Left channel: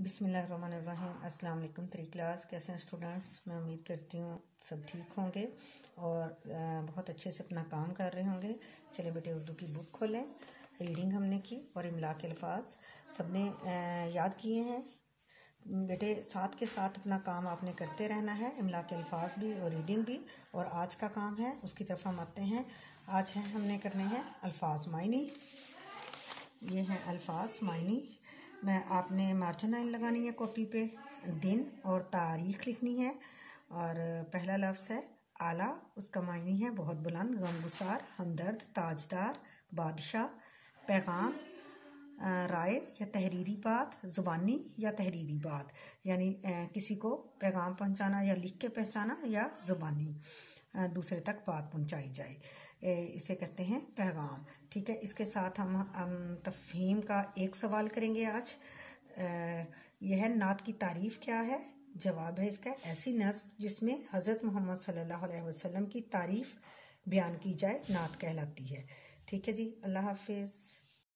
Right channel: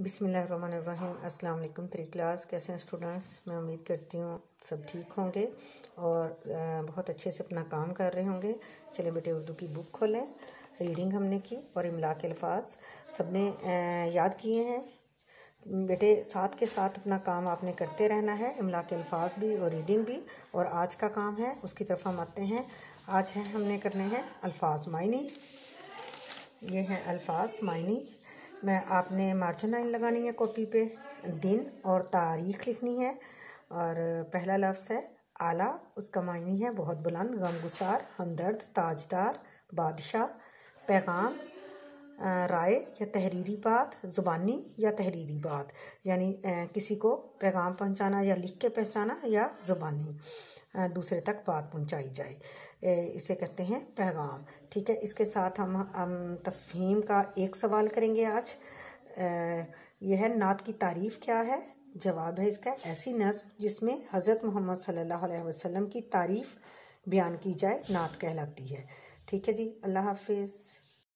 बिस्मिल्लाहिर्रहमानिर्रहीम। अस्सलाम वालेकुम। 3 क्लास कैसे हैं स्टूडेंट्स? मैं उम्मीद करती हूँ सब ठीक होंगे और बहुत अच्छे से अपना काम कर रहे होंगे। चलिए बेटे उर्दू की बुक खोलें। रीडिंग हमने की और इमला के अल्फाज सबने याद किए हैं। बेटे साथ के साथ अपना काम आपने करते रहना है, इमला के अल्फाज भी और रीडिंग भी। और आज का काम है उसकी तरफ हम आते हैं। आज है हमने करने हैं अल्फाज मायनी। ये हैं अल्फाज मायनी। मैं आपने मार्जिन लाइन लगानी है कॉपी पे, दिन और तारीख लिखनी है। और पहला लफ्ज़ है आला, उसका मायनी है बहुत बुलंद, गमगुसार, हमदर्द, ताजदार, बादशाह, पैगाम, राय या तहरीरी बात, ज़ुबानी या तहरीरी बात, यानी किसी को पैगाम पहुंचाना या लिख के पहुंचाना या ज़ुबानी दूसरे तक बात पहुंचाई जाए, इसे कहते हैं पैगाम। ठीक है, इसके साथ हम तफ़हीम का एक सवाल करेंगे आज। यह है नात की तारीफ़ क्या है? जवाब है इसका ऐसी नस्ब जिसमें हज़रत मोहम्मद सल्लल्लाहु अलैहि वसल्लम की तारीफ़ बयान की जाए नात कहलाती है। ठीक है जी, अल्लाह हाफिज़।